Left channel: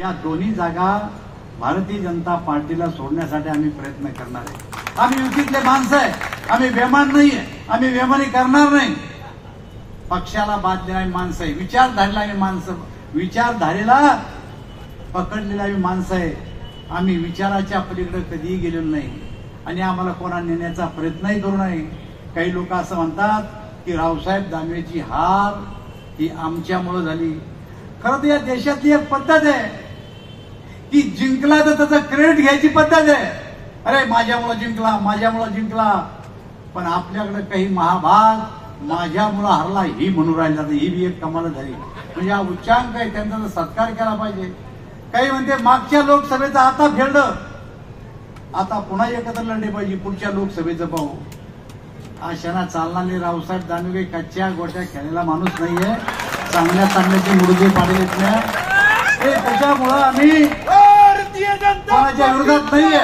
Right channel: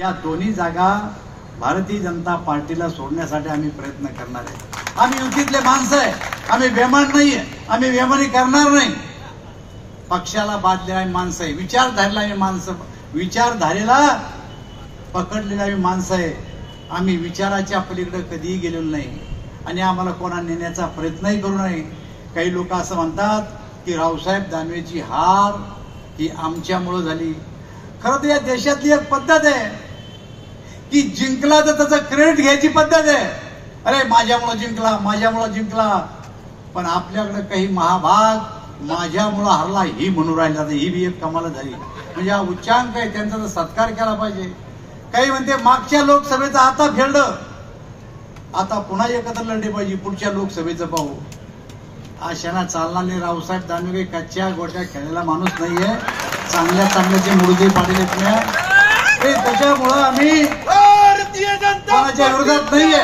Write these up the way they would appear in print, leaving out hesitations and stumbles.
या दोन्ही जागा भारतीय जनता पार्टीला सोडण्यासाठी आम्ही प्रयत्न करणार आहे। आम्ही युतीतले माणसं आहे, आम्ही बेमान नाहीये, आम्ही बेमानी करणार नाही। पक्षाला बाद देणारी माणसं आहे, विचारधारेला आम्ही माणसं, विचारधारेला पकडलेला आम्ही माणसं आहे। आम्ही विचाराच्या पलीकडे कधीही गेलेलो नाही आणि आम्हाला कोणा नेण्याचा प्रयत्नही करू नये। काही लोक असं म्हणतात की रावसाहेब दानवेची हार ही आमच्यामुळे झाली। खरं तर या देशातली एक पद्धत आहे की जिंकला तर त्याचं क्रेडिट घ्यायची पद्धत आहे। अरे माझ्यामुळे जिंकला, माझ्यामुळे जिंकला, पण आपल्याकडे काही महाभाग माझ्यामुळे हरला ही म्हणून राहिला, ही बी एक कमाल झाली। म्हणजे हा उच्चांक आहे, त्यांचा तर सत्कार केला पाहिजे। काही म्हणते मागच्या लोकसभेचं आता फेडलं, आता पुन्हा एकत्र लढले पाहिजे, पुढच्या लोकसभेचं पाहू। अशाना चालणारे रावसाहेब दानवे कच्च्या गोट्या खेळायला माणूस नाहीये, चांगल्या चांगल्याचे मुडगे पाडलेत नाही। त्याच्यामुळं आम्ही कोणाच्या विरोधात नाहीये,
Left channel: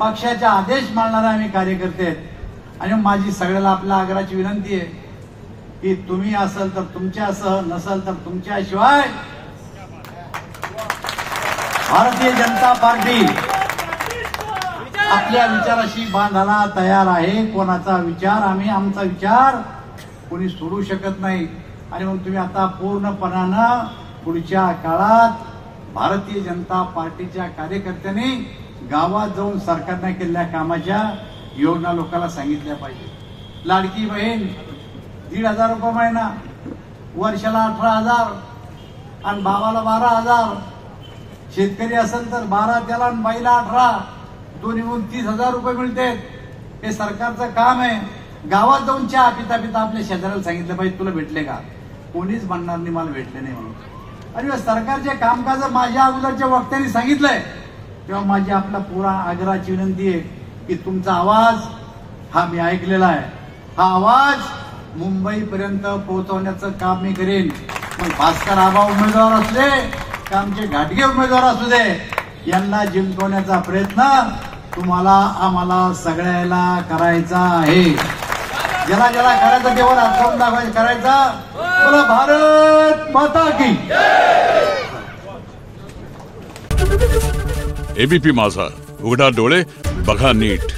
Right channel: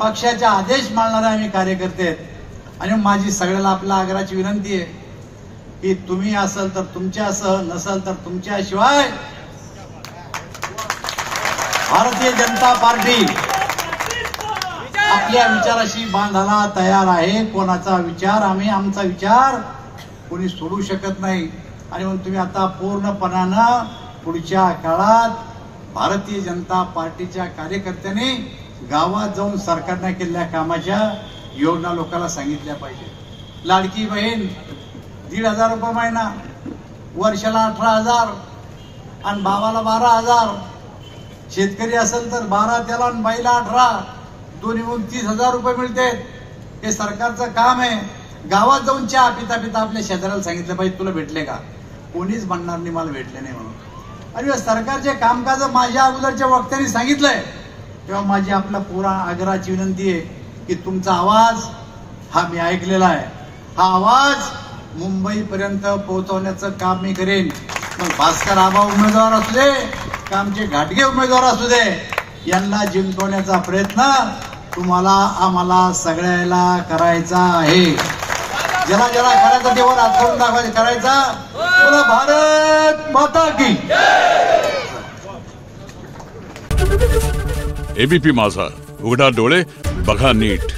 पक्षाचा आदेश मानणारे आम्ही कार्यकर्ते आहेत। आणि माझी सगळ्याला आपल्या आग्रहाची विनंती आहे की तुम्ही असाल तर तुमच्यासह, नसाल तर तुमच्याशिवाय भारतीय जनता पार्टी आपल्या विचाराशी बांधायला तयार आहे। कोणाचा विचार आम्ही, आमचा विचार कोणी सोडू शकत नाही। आणि म्हणून तुम्ही आता पूर्णपणानं पुढच्या काळात भारतीय जनता पार्टीच्या कार्यकर्त्यांनी गावात जाऊन सरकारने केलेल्या कामाच्या योजना लोकांना सांगितल्या पाहिजे। लाडकी बहीण 1,500 रुपये महिना, वर्षाला 18,000 आणि भावाला 12,000, शेतकरी असेल तर 12 त्याला आणि बाईला 18, दोन्ही मिळून 30,000 रुपये मिळते। हे सरकारचं काम आहे। गावात जाऊन चहा पिता पिता आपल्या शेजाऱ्याला सांगितलं पाहिजे तुला भेटले का, कोणीच म्हणणार नाही मला भेटले नाही म्हणून। आणि सरकारचे कामकाज माझ्या अगोदरच्या वक्त्यांनी सांगितलंय, तेव्हा माझी आपला पुरा आग्रहाची विनंती आहे की तुमचा आवाज हा मी ऐकलेला आहे, हा आवाज मुंबईपर्यंत पोहोचवण्याचं काम मी करेन। मग भास्कर आबा उमेदवार असू दे, का आमचे घाटगे उमेदवार असू दे, यांना जिंकवण्याचा प्रयत्न तुम्हाला आम्हाला सगळ्याला करायचा आहे। ज्याला ज्याला करायचा तेव्हा हात करून दाखवायचं, करायचा। बोला भारत माता की। एबीपी माझा, उघडा डोळे बघा नीट।